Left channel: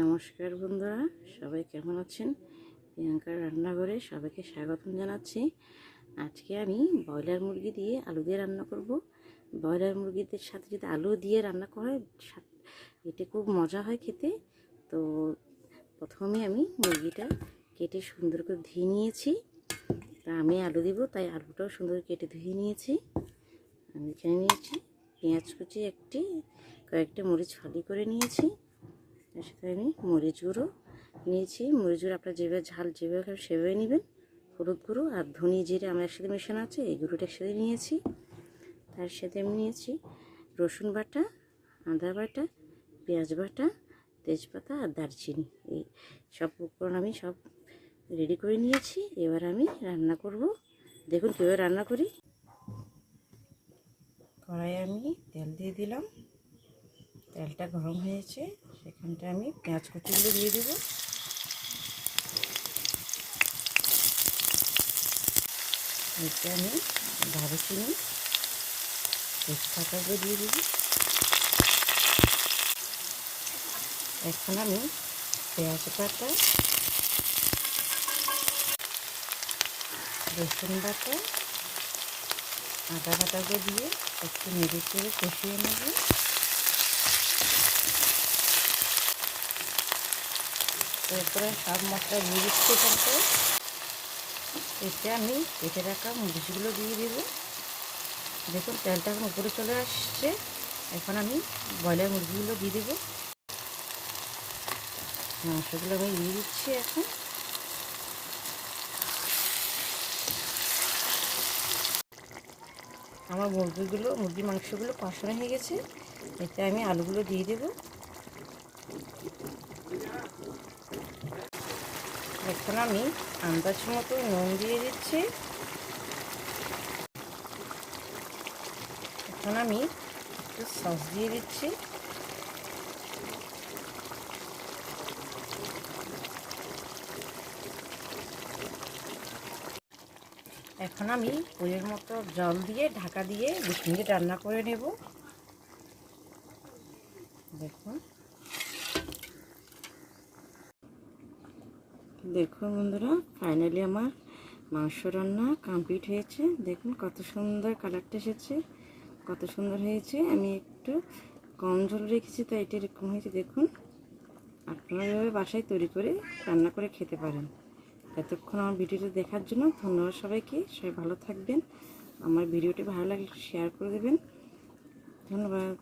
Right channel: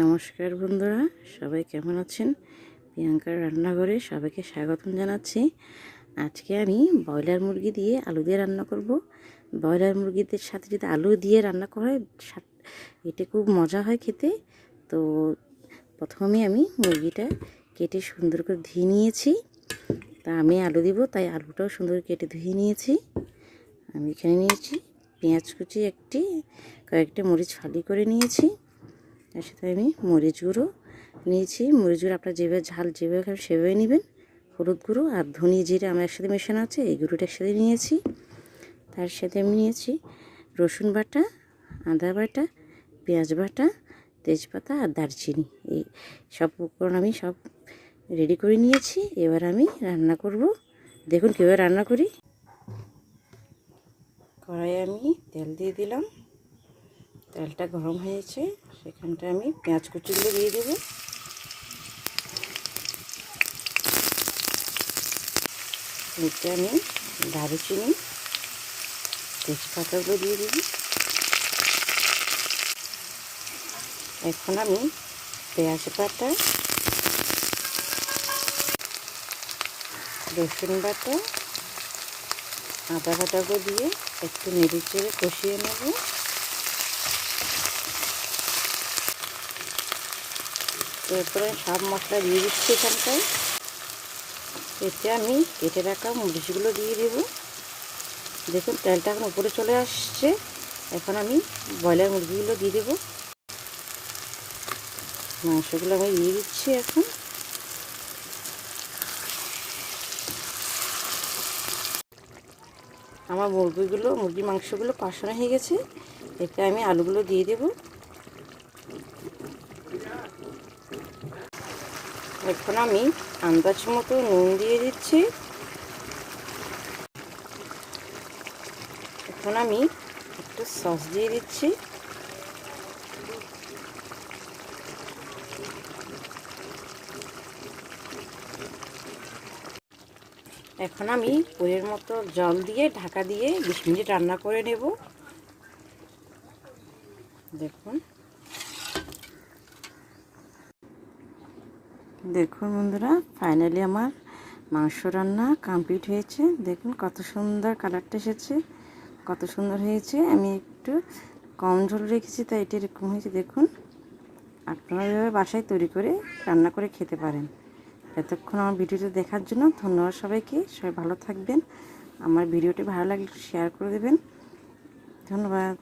নমস্কার বন্ধুরা, সবাই কেমন আছেন? প্রিয়াঙ্কার রান্নাঘরে সবাইকে স্বাগতম জানাচ্ছি। আজকে আমি ব্রয়লার মুরগি দিয়ে আলু দিয়ে রান্না করব। ব্রয়লার মুরগিদের সাথে যদি আলু দিয়ে রান্না করা হয়, এটা খুব মজা হয় খেতে। তো প্রথমে আমি মুরগিটা কেটে সুন্দর করে ধুয়ে নিয়েছি। তা আমি আলু দিব, তাই আলুটাও সুন্দর কেটে ধুয়ে নিয়েছি। আমি এখানে নিয়েছি পেঁয়াজ কুচি, কয়েকটা মরিচ ফালি করে নিয়েছি। তার সাথে আমি মরিচ গুঁড়ো নিয়েছি। মরিচ গুঁড়ো আপনার যেভাবে ঝাল যেভাবে খাবেন সেভাবে নেবেন। হলুদ গুঁড়ো আর ধনিয়া জিরে আমার একসাথে মেশানো আছে, এই গুঁড়োটা একসাথে নিয়েছি। তার সাথে আমি নিয়েছি রসুন বাটা, আদা বাটা, পেঁয়াজ বাটা, তেজপাতা আর দারচিনি। এই সব উপকরণ আমি সব রেডি করে নিয়েছি। এবার আমি রান্না করব। দেখুন কীভাবে রান্না করি। কড়াইয়ে আমি তেল দিয়ে দিলাম। তেলটা গরম হয়েছে, সেখানটা আমি পেঁয়াজ কুচিগুলো দিয়ে দেবো। এতে আমি দারুচিনি, তেজপাতাগুলো দিয়ে দেবো। এখন আমি পেঁয়াজ বাটা, রসুন বাটা, আদা বাটাগুলো দিয়ে একটু নেড়ে চেড়ে কষিয়ে নেব। এরপরে সব মশলা দিয়ে দিচ্ছি এখানটায়। এতে আমি কেটে রাখা মরিচগুলো দিয়ে দেবো। দেখুন তেলটা এখন উপরে চলে আসছে। এখন আমি ব্রয়লার মুরগিগুলো দিয়ে দেবো। মাংসগুলো আমি দিয়ে দিচ্ছি এখন। আমার মুরগির মাংসগুলো কষানো হয়ে গেছে। এতে আমি আলুগুলো দিয়ে দেবো। এখন আমি আন্দাজ মতো নুন দিয়ে দিচ্ছি। এখন আমি একটু সস দিয়ে দিচ্ছি। এখন আমি পরের মতো জল দিয়ে ঢাকা দিয়ে 20 মিনিট রান্না করে নেব। দেখুন বন্ধুরা, ফাইনালি আমার মাংস রান্না কমপ্লিট হয়েছে। দেখুন কত সুন্দর কালারটা এসেছে, কত সুন্দর হয়েছে। আমি একটু কম ঝোল রেখেছি, তাই এটা এরকম হয়েছে। দেখুন আপনারা এভাবে বাসায় তৈরি করে রান্না করে খেতে পারেন। এতক্ষণ আমার ভিডিওটা দেখার জন্য ধন্যবাদ সবাইকে। সবাই ভালো থাকবেন। আমার ভিডিওটি ভালো লাগলে শেয়ার করে দেবেন। ধন্যবাদ।